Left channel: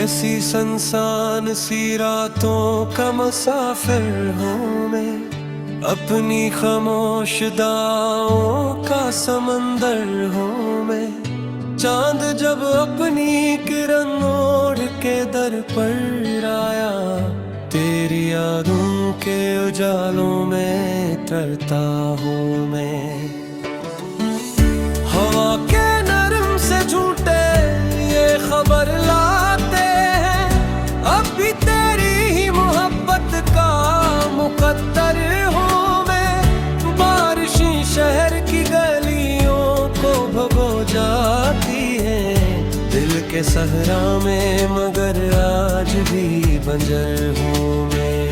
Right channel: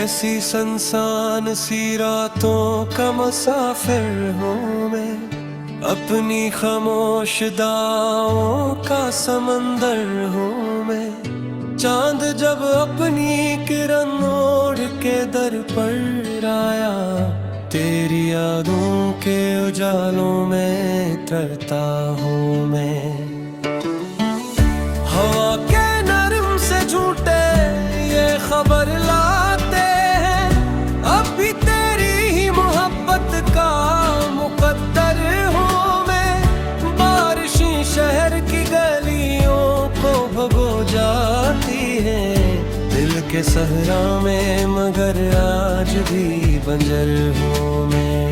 कैसी संसान सी रातों का मुसाफिर हूँ मैं, अपनी खामोश दाओं का समंदर हूँ मैं। चांद जब अपनी किरण ओढ़ के दर पर आया, तेरी यादों के उजालों में तरता हूँ मैं। हवा के नरम से झूठे ये खबर लाते हैं, अब भी तेरी ही मोहब्बत का मुकद्दर हूँ मैं। बारिशें शहर की गलियों को भगो जाती हैं दिल के सहरा में, मगर आज भी बंजर हूँ मैं।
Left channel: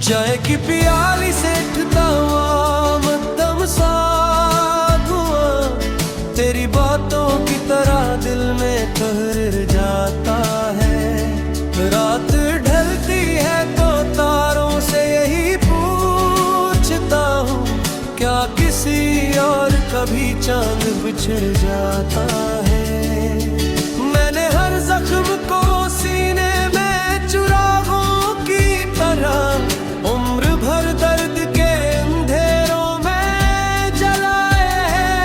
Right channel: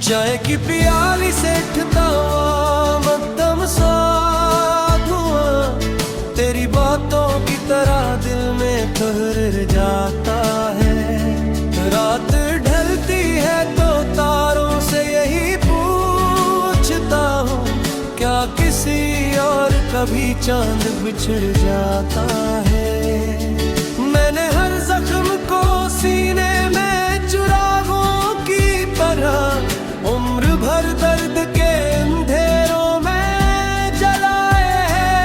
चाय की प्याली से उठता हुआ मध्यम सा धुआं, तेरी बातों की तरह दिल में ठहर जाता है। रात ढलती है तो तारों से यही पूछता हूँ, क्या किसी और कभी चांद बिछड़ जाता है। मैंने हर जख्म को सीने में चुरागों की तरह उम्र भर दर्द के अंधेरों में जलाए हैं।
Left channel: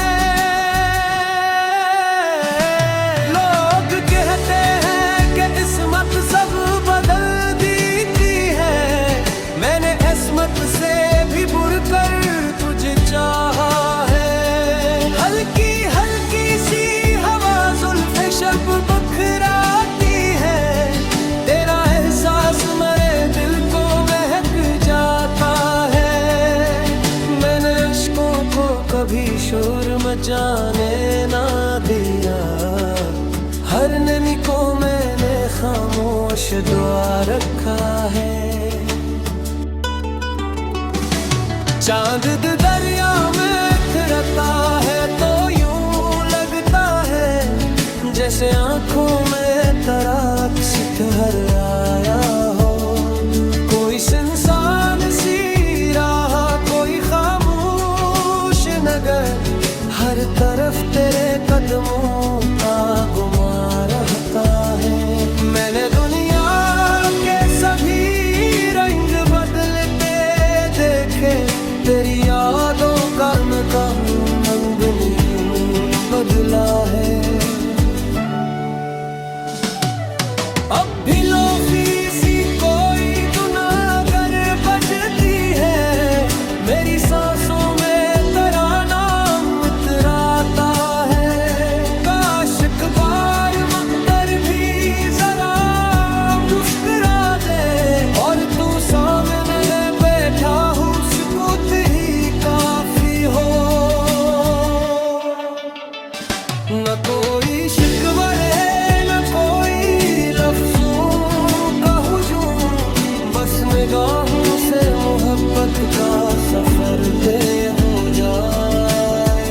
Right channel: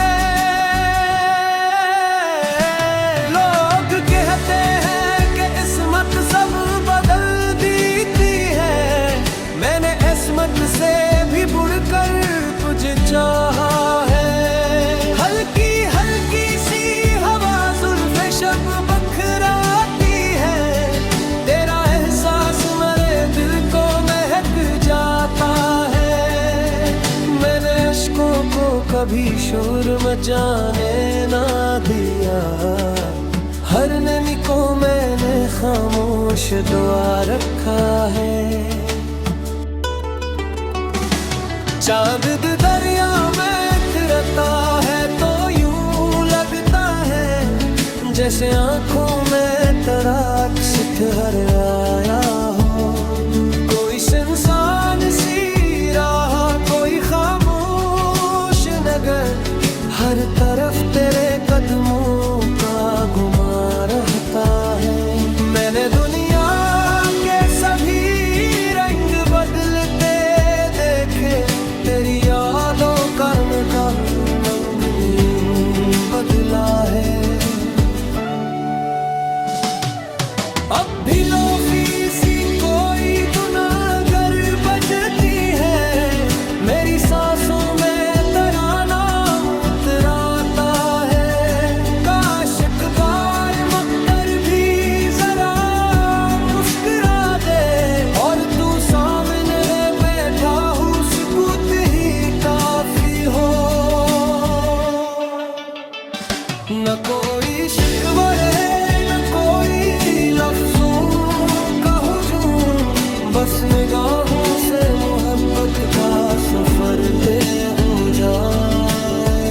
लोग कहते हैं कि किस्मत सब बदल देती है, मैंने किस्मत से भी बुड़कर तुझे चाहा है। हल्की हल्की सी हवा जुल्फ़े शब बखराती है, तेरा एहसास मेरे दिल को महक जाता है। मैंने अश्कों को कभी शोर मचाने ना दिया, हर नमी को मैंने खामोश दुआ रखा है। चांद दरिया में उतरता है तो यूं लगता है जैसे आंखों में तराक्स ठहर आया हो। कोई सुनसान सी राह, कोई खामोश नगर, हर तरफ तेरे कदमों का गुमा रहता है। मैंने दुनिया के सभी रंग बदलते देखे, तेरी यादों का रंग नहीं बदला है। अब भी लोफी सी कोई दुनागर बजती है, मेरी सांसों में तेरा नाम इतराता है। काश एक बार मकदर भी जरा मुस्कुरा दे, और तू सामने बैठा हूँ सुकूत ही काफी हो। न कोई शिकवा रहे न कोई लफ्जों का हुजूम, बस निगाहों से मोहब्बत का सफर तय हो जाए।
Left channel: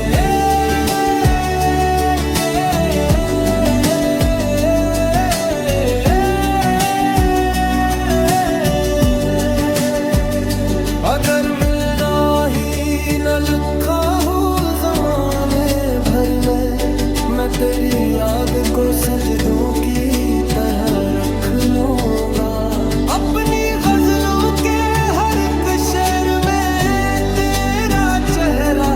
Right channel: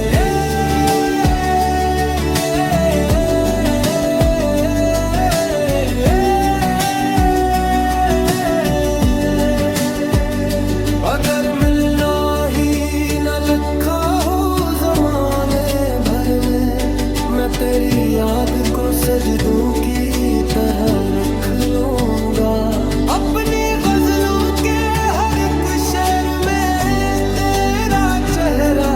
अगर मिलना ही न लिखा हो जमाने भर में, मैं तेरी याद को सजदों की तरह रख लूंगा। अपनी गजलों के हर एक शेर में तेरा चेहरा,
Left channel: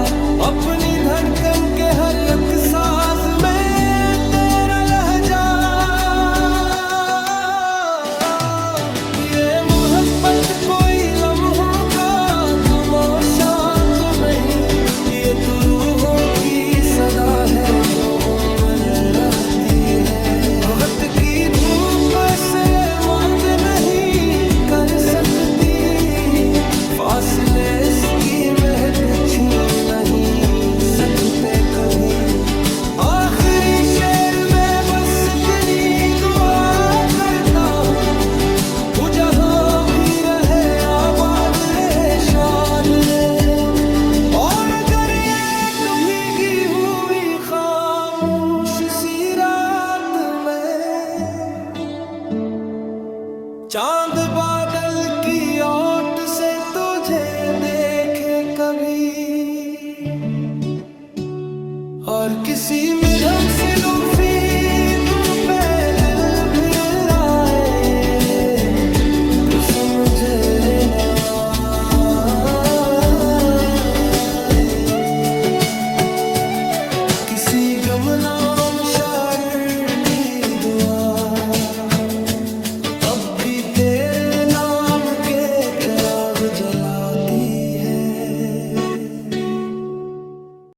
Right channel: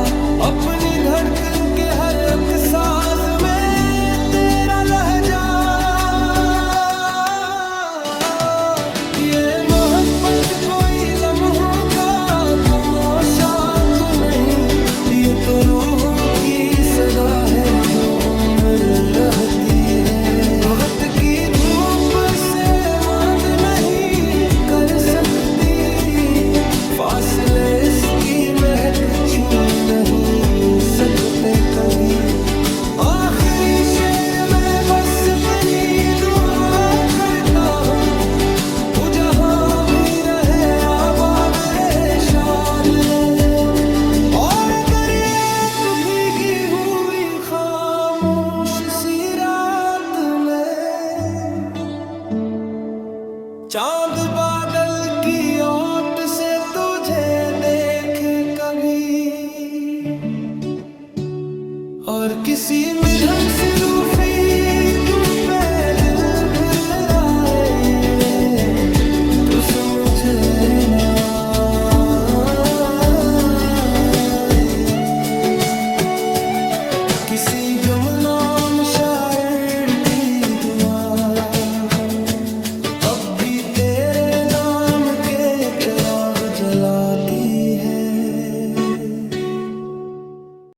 अपनी धड़कन के हर एक साज में तेरा लहजा। ये मोहब्बत कोई लम्हों का तमाशा तो नहीं, ये तो रूहों की सदा है जो उम्र रहती है। वक्त की धूप से मद नहीं कर सकती, फासले इसकी महक छीन नहीं सकते कभी। आखिरी शेर में बस इतनी दुआ करता हूँ, वो जहाँ भी रहे आबाद रहे शाद रहे। और अगर एक भीगी हुई खामोश सी रात में चांद बादल की ओट से तुझे देखे कभी, और किसी में धम सी लूफी तुम पे दिल भर रहा है, तू समझे ना किसी गमनाम शायर की दुआ अब भी तेरे नाम के चिराग जलाती है।